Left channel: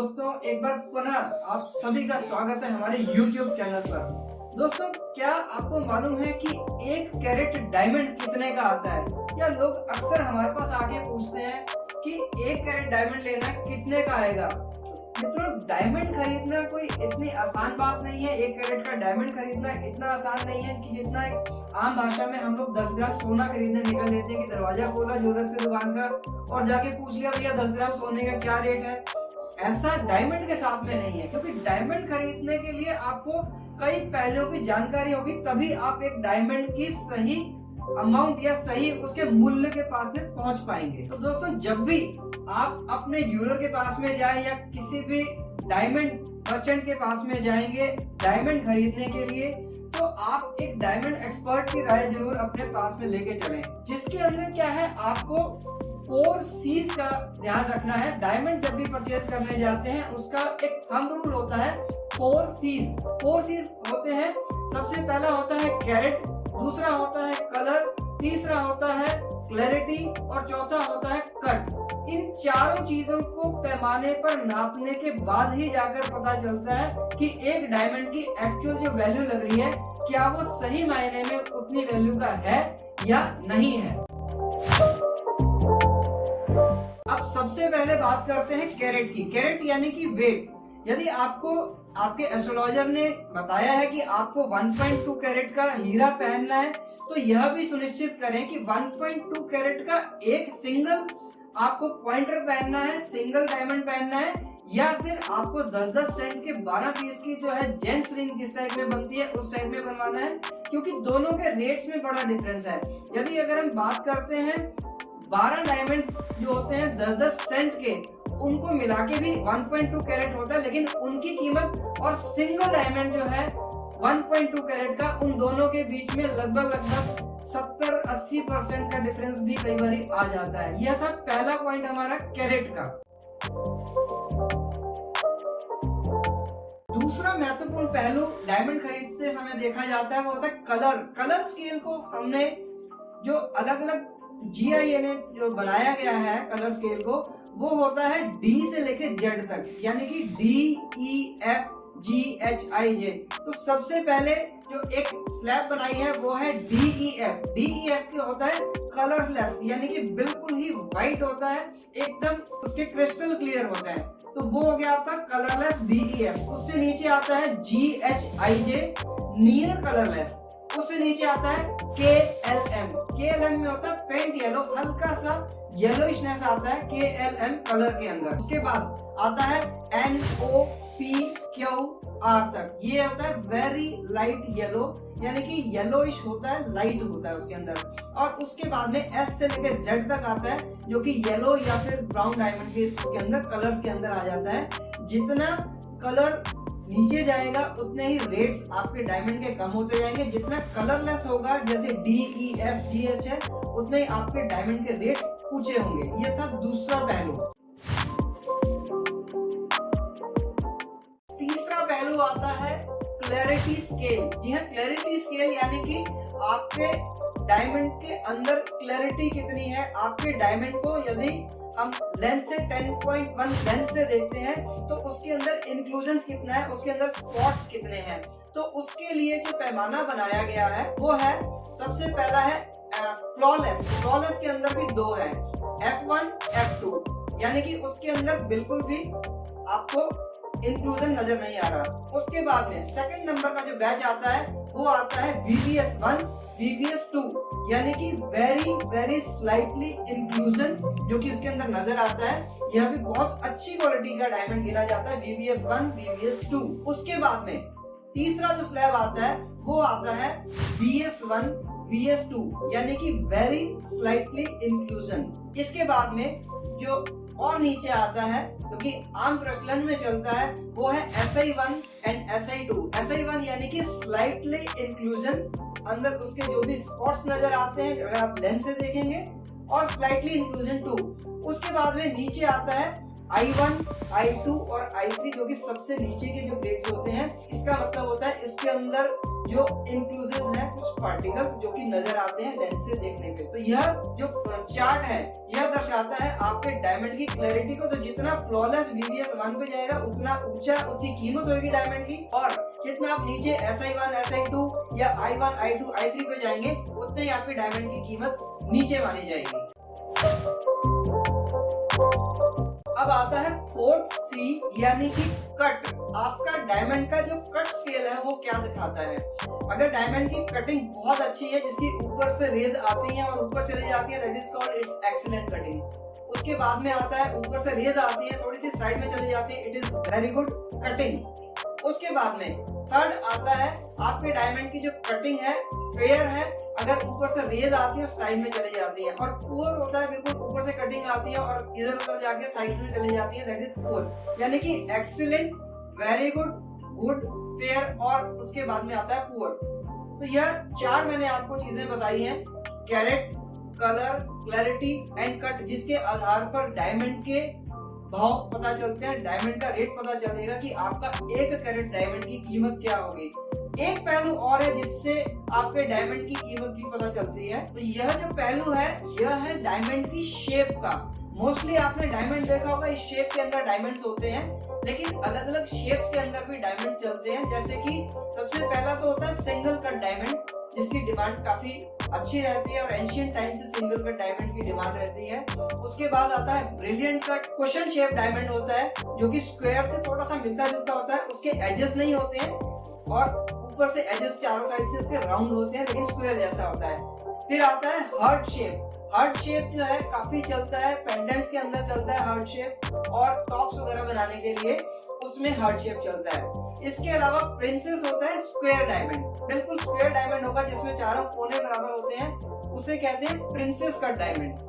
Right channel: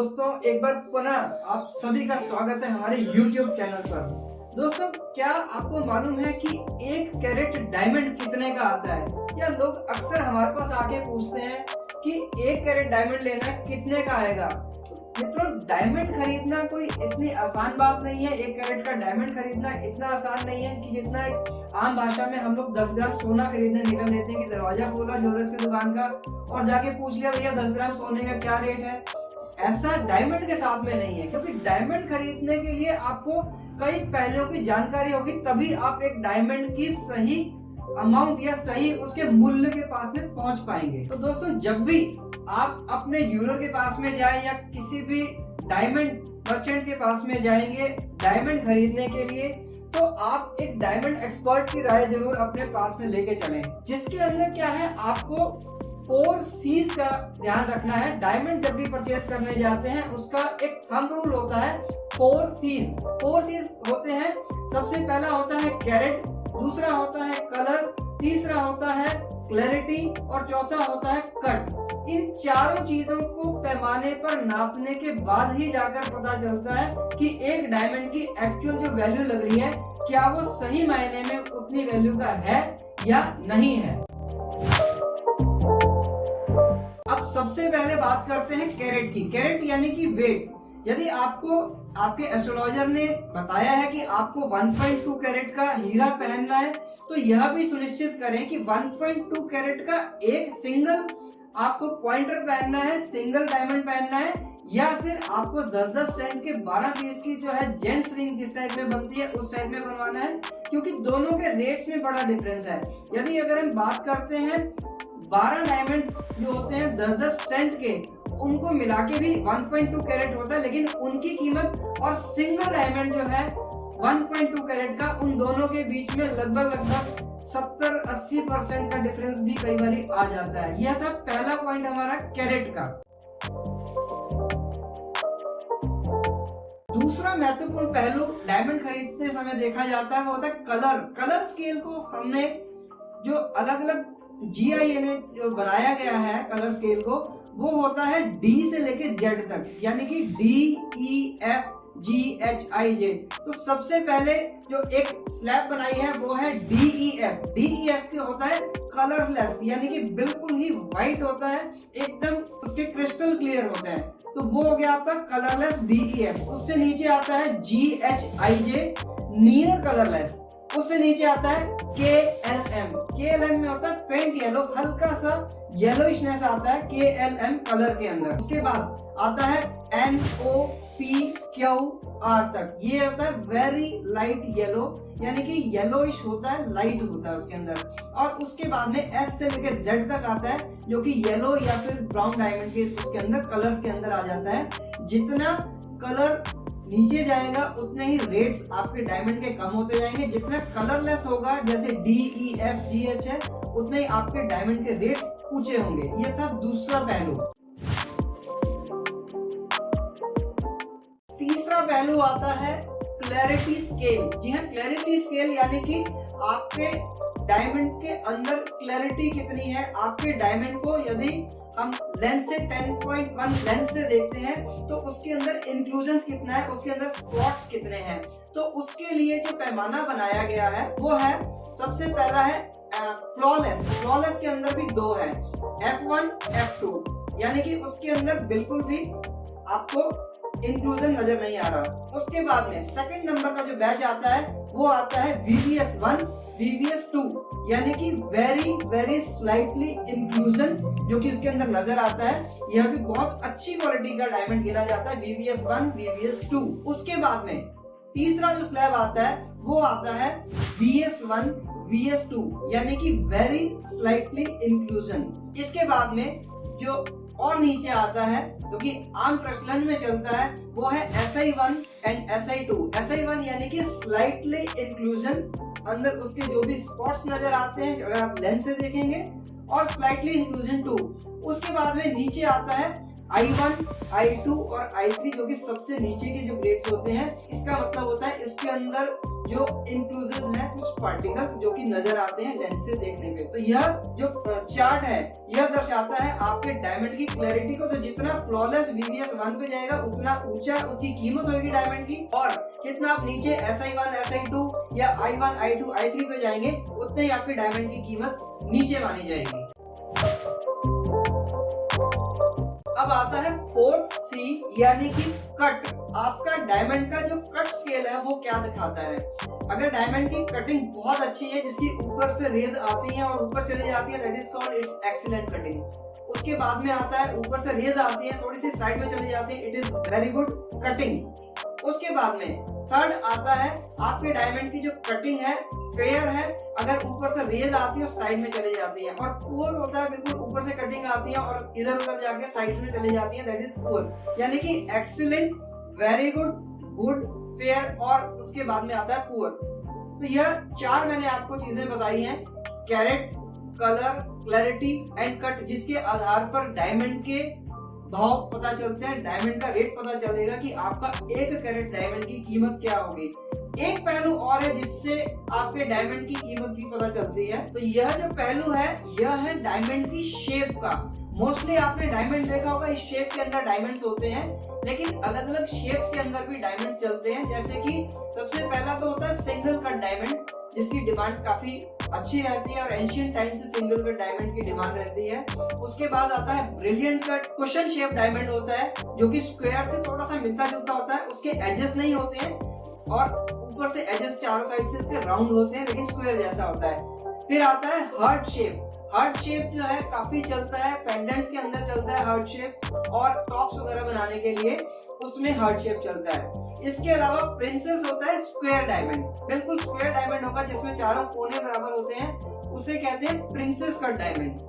दोस्तों एक बार पुनः आप सभी का स्वागत है हमारे YouTube चैनल पर। दोस्तों क्या आपको मालूम है कि 1 कैरेट डायमंड कितने का आता है? या लोग अक्सर हमारे पास आके पूछते हैं कि 1 कैरेट डायमंड लेना कितने का आएगा। मित्रों, डायमंड खरीदना कोई इतनी आसान बात नहीं है। 1 कैरेट का डायमंड खरीदना इतना आसान नहीं है कि जितना एक आम भाषा में हम लोग 10 ग्राम सोना खरीदने निकल लेते हैं कि दरवाजा खोला ज्वेलर्स की दुकान का और जाके पूछ लिया भैया 10 ग्राम सोने का क्या रेट है। ऐसा डायमंड के साथ में नहीं है, क्योंकि डायमंड खरीदने के लिए आपको कई पहलुओं की जानकारी होगी, तभी आप एक डायमंड की सही अमाउंट या सही उसके मूल्य के पास में पहुंच पाएंगे। तो दोस्तों जब भी आप अपने ज्वेलर के पास में जाएं या किसी भी डायमंड मर्चेंट के पास में जाएंगे डायमंड खरीदने के लिए, तो आप एक डायमंड एक्सपर्ट की राय जरूर अपने पास में लेके चलें, जिसके अंदर क्या है आपको 4 C's का ध्यान रखना है। डायमंड जब भी परचेज करने जाते हैं उसका एक थंब रूल होता है 4 C's। 4 C's होते हैं, सबसे पहला होता है कैरेट, दूसरा होता है कलर, तीसरा होता है क्लैरिटी और चौथा होता है कट। इन चारों चीजों को पैमाने पर नापने के बाद ही जाकर पता चलता है कि एक डायमंड की एक्चुअल जो वैल्यू लग रही है क्या वो सही मायने में उतनी वैल्यू का है या नहीं है। अब सबसे पहले बात करते हैं कैरेट की। कैरेट यानी कि वेट। यदि आपको आपके एस्ट्रोलॉजर ने बताया है कि आपको 1.2 कैरेट का हीरा पहनना है, तो यह भी सुनिश्चित करें कि 1.2 कैरेट का एक सिंगल आपको पॉइंटर पहनना है, सिंगल डायमंड पहनना है, या फिर आपको 10-10 सेंट के 12 पीस की जो है जेंट्स रिंग जिस टाइप में बनती है उस टाइप में बनवाना है, क्योंकि दोनों के रेट्स में बड़ा डिफरेंस है। यदि अगर हम बात करते हैं 12 डायमंड जो होते हैं 10-10 सेंट के, उनको मिला के भी 1.2 कैरेट होता है, लेकिन उनकी कीमत और सिंगल डायमंड जो है 1.2 कैरेट का, उन दोनों के बीच में लगभग 70-80% का डिफरेंस भी कई बार आ जाता है। यह था पहला पॉइंट हमारा कैरेट का। दूसरा महत्वपूर्ण पहलू डायमंड खरीदते समय देखा जाता है वो होता है कलर। कलर स्केल को हमने जो अलग अलग GIA ने जो बनाया गया है कलर स्केल को, वो होता है D से लेके Z तक, यानी कि D, E, F, G, H, I, J। तो सबसे पहले जो एक स्लैब बनाई है वो है DEF। DEF क्या होता है? कलरलेस, यानी कि बिल्कुल ही व्हाइट होता है, एकदम उसके क्रिस्टल क्लियर होते हैं। तो वो हो गया आपका कलरलेस DEF। उससे नीचे आता है GHIJ, नियर कलरलेस। उससे नीचे आता है KLM। KLM में होता है पेंट येलो, हल्का सा येलोइशनेस आता है KLM कलर के अंदर। उसके बाद आता है NOPQR तक, ये होता है वेरी लाइट येलो, यानी कि येलोइश होता है, लाइट होता है उसके अंदर। और उसके बाद में S से लेकर Z तक आता है, जो कि येलो या फिर ब्राउन डायमंड के उसके अंदर कलर्स के अंदर आ जाता है। जितना कलर नीचे जाएगा उतने ही रेट्स आपके डायमंड के कम होते जाएंगे, जितना कलरलेस होगा जैसे DEF, GH है, उतने ही आपके डायमंड के रेट्स ऊंचे होंगे। ये था दूसरा पहलू। तीसरा पहलू आता है क्लैरिटी स्केल। जी हाँ, क्लैरिटी स्केल यानी कि आपके डायमंड के अंदर क्लैरिटी कितनी है। आपके डायमंड को यदि हम लेंस से 10.1 लेंस से देखते हैं तो उसके अंदर इंक्लूजन्स कितना है, उसके अंदर स्पॉट्स कितने हैं। तो उसके लिए जो पैमाना बनाया गया है वो है, सबसे पहला है फ्लॉलेस। फ्लॉलेस के अंदर भी 2 है, F1, F2, यानी कि उसके अंदर बिल्कुल भी आपको इंक्लूजन नजर नहीं आ रहा। उसके बाद में सेकंड नंबर का जो बैच आता है वो आता है VVS1, VVS2, यानी कि वेरी वेरी स्लाइटली इंक्लूजन जो कि उसके अंदर नजर आता है। यह भी बहुत अच्छी क्वालिटी का डायमंड गिना जाता है, VVS1, VVS2। उसके बाद में तीसरा जो स्लैब आता है वो आता है VS1, VS2, यानी कि वेरी स्लाइटली इंक्लूजन। इसके बाद में जो और नीचे आता है जो कि आम प्रचलन में चलता है वो है SI1 एंड SI2। SI1 यानी कि स्लाइटली इंक्लूजन, अंदर उसके जो भी स्पॉट्स नजर आते हैं अगर आप लेंस से देखेंगे, और स्लाइटली इंक्लूजन 2। उसके बाद में नीचे आता है I1, I2 और I3, जो कि सबसे नीचे के जो ग्रेड्स होते हैं। इसका मतलब होता है इसके अंदर जो इंक्लूसिव है, कुछ पार्टिकल्स जो कि नजर आते हैं लेंस से देखने पे। तो यह जो चार्ट है यह दर्शाता है आपके डायमंड की क्लैरिटी को। तो जितना फ्लॉलेस VVS 1 पे जाएगा उतना ऊंचा उसकी कीमत होगी डायमंड की, और जितना आप नीचे SI1 SI2 या I1 I2 I3 पे जाएंगे उतने ही आपके डायमंड की कीमत नीचे मानी जाएगी। अब आता है 4th C यानी कि कट। आपका डायमंड का जो कट स्केल है वो क्या दिखाता है। अगर डायमंड की कटिंग बहुत अच्छी है, जिसकी ऊपर से रेज आती है और ऊपर चली जाती है, that is called its excellent cutting. उसके बाद में आता है ऊपर से रेज आती है, थोड़ी सी साइड में चली जाती है, it is very good cutting. उसके बाद में थर्ड आता है आपके डायमंड की जो कटिंग है फेयर है, अगर ऊपर से रेज आती है और साइड में चली जाती है। और पुअर होता है, बिल्कुल ऊपर से कटिंग आती है और इधर उधर जाके साइड्स में चली जाती है, दैट इज पुअर। यानी कि excellent, very good, good, fair और उसके बाद में आता है पुअर। तो यह 4 मैंने आपको चीजें बताई हैं, carat, colour, clarity and cut, जिसके आधार पर डायमंड के भाव पता चलते हैं, डायमंड का रेट पता चलेगा कि आपका 1 कैरेट डायमंड की कीमत क्या होगी। एक पहलू और है जिससे आपके डायमंड की कीमत भी पता चलती है। तो यह जो पहलू है यह है डायमंड की शेप का। मोस्टली आपने डायमंड देखा होगा, इस शेप के अंदर डायमंड्स होते हैं, लेकिन अलग अलग शेप्स के अंदर भी डायमंड चलते हैं। जैसे कि सबसे पहला तो होता है सिंगल कट डायमंड, जिसकी डिमांड काफी अच्छी रहती है और एंशिएंट टाइम से सिंगल कट डायमंड की डिमांड रहती है। उसके बाद आता है brilliant cut, question shape diamond होता है, जो कि स्क्वायर से थोड़ा सा मिलता जुलता होता है, उसके एजेस नहीं होते हैं और ऊपर से एजेस चारों साइड से उसके राउंड होते हैं, लेकिन स्क्वायर जैसा होता है। फिर आता है हार्ट शेप। हार्ट शेप जो है काफी चलता है, पेंडेंट्स के अंदर चलता है हार्ट शेप, और टॉप्स वगैरह बनाने के लिए उसमें हार्ट शेप चलता है। इसके अलावा प्रिंसेस होता है स्क्वायर डायमंड, बिल्कुल स्क्वायर डायमंड होगा जिसमें चारों कोने बराबर होते हैं, उसे कहते हैं प्रिंसेस कट डायमंड।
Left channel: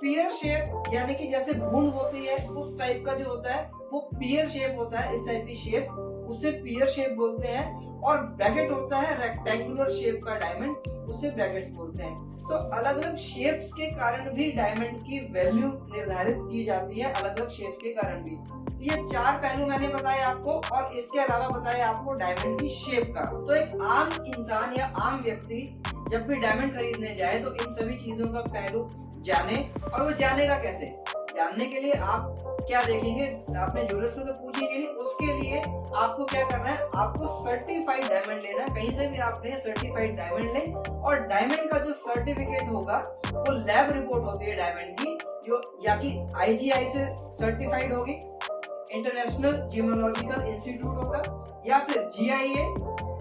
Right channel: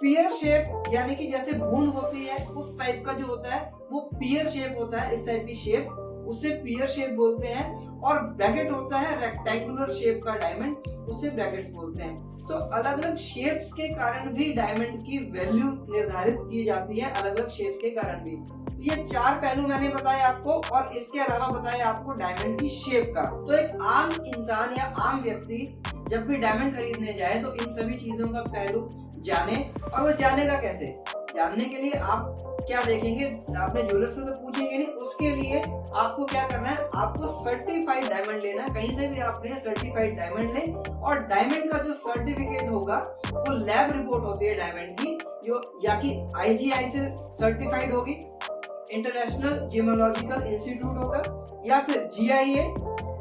पियर शेप यानी कि जैसे बूंद होती है उस टाइप का जो होता है वो पियर शेप होता है, इस टाइप की शेप, उससे पियर शेप बोलते हैं। और ब्रैकेट होता है रेक्टेंगुलर शेप का डायमंड, उससे ब्रैकेट्स बोलते हैं। तो अलग अलग शेप्स के कारण भी डायमंड की वैल्यू निर्धारित की जाती है, अलग अलग शेप्स के कारण भी। ये 4 पहलू मैंने बताए आपको, और इसके अलावा बताए आपको डायमंड की शेप का। तो एक आम इंसान या आम व्यक्ति जब भी डायमंड खरीदने जाए तो इन सभी चीजों का पहलू जाने, और वो जानेगा कैसे। जानने के लिए आप क्या देखेंगे, आपने ज्वेलर से तो पूछेंगे नहीं, उसके लिए आपको क्या करना है, आपको सर्टिफाइड डायमंड लेना है। कहीं से भी आपने सर्टिफाइड डायमंड लें, और डायमंड का जो सर्टिफिकेट होगा वो लैब रिपोर्ट होती है डायमंड की, जो या कि IGI से सर्टिफाइड होगी, इंटरनेशनल जेमोलॉजिकल इंस्टीट्यूट होगा, या फिर GIA,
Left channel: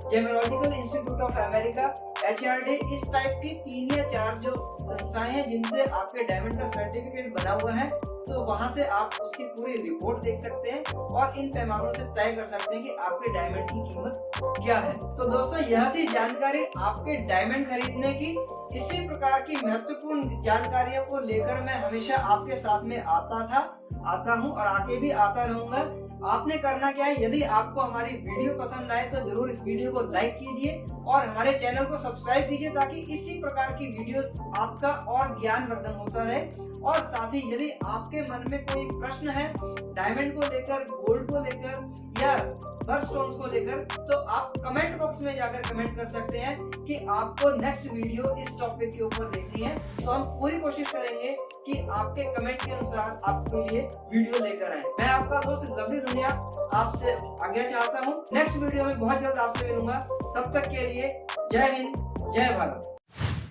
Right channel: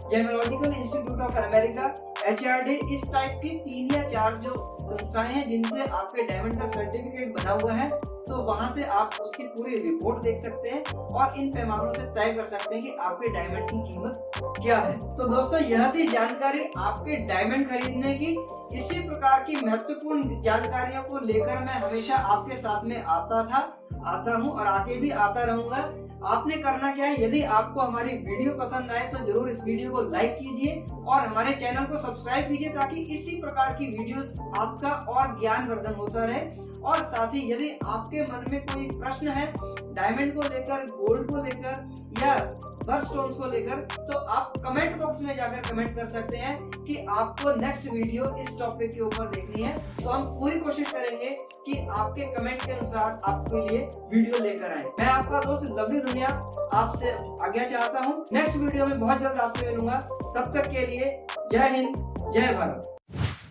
gemological institute of America, HRD, इस टाइप की 3 या 4 जो संस्थाएं हैं जिनसे आपके डायमंड का सर्टिफिकेट बना हुआ है। तो वहां से आप उसकी पूरी रिपोर्ट देख सकते हैं और इन पैमानों से तय कर सकते हैं कि आपके डायमंड की कीमत क्या है। तो दोस्तों यह थी जानकारी आपके डायमंड खरीदने की। इसी प्रकार की महत्वपूर्ण जानकारियों को लेकर मैं हमेशा आपके साथ में आता हूँ और आगे भी आता रहूंगा। आपने करना क्या है, यदि आपको हमारी वीडियो पसंद आए तो जरूर इस वीडियो को लाइक कीजिए और हमारे चैनल को सब्सक्राइब कीजिए, ताकि इसी प्रकार की वीडियोस आपका और ज्ञानवर्धन होता रहे। और साथ ही यदि आपके मन में कोई प्रश्न है डायमंड को लेकर, गोल्ड को लेकर या बर्स्टोन्स को लेकर, तो आप कमेंट बॉक्स में जाकर कमेंट कर सकते हैं कि आपको नेक्स्ट वीडियो इस टॉपिक के ऊपर देखनी है। तो हम पूरी कोशिश करेंगे कि आपके कमेंट के अनुसार आपके लिए वीडियो लेकर आए। मैं आपका दोस्त लवली दुनिया आपसे आज्ञा चाहता हूँ। नेक्स्ट वीडियो में बहुत जल्द आपसे मिलूंगा। तब तक के लिए जय हिंद, जय भारत।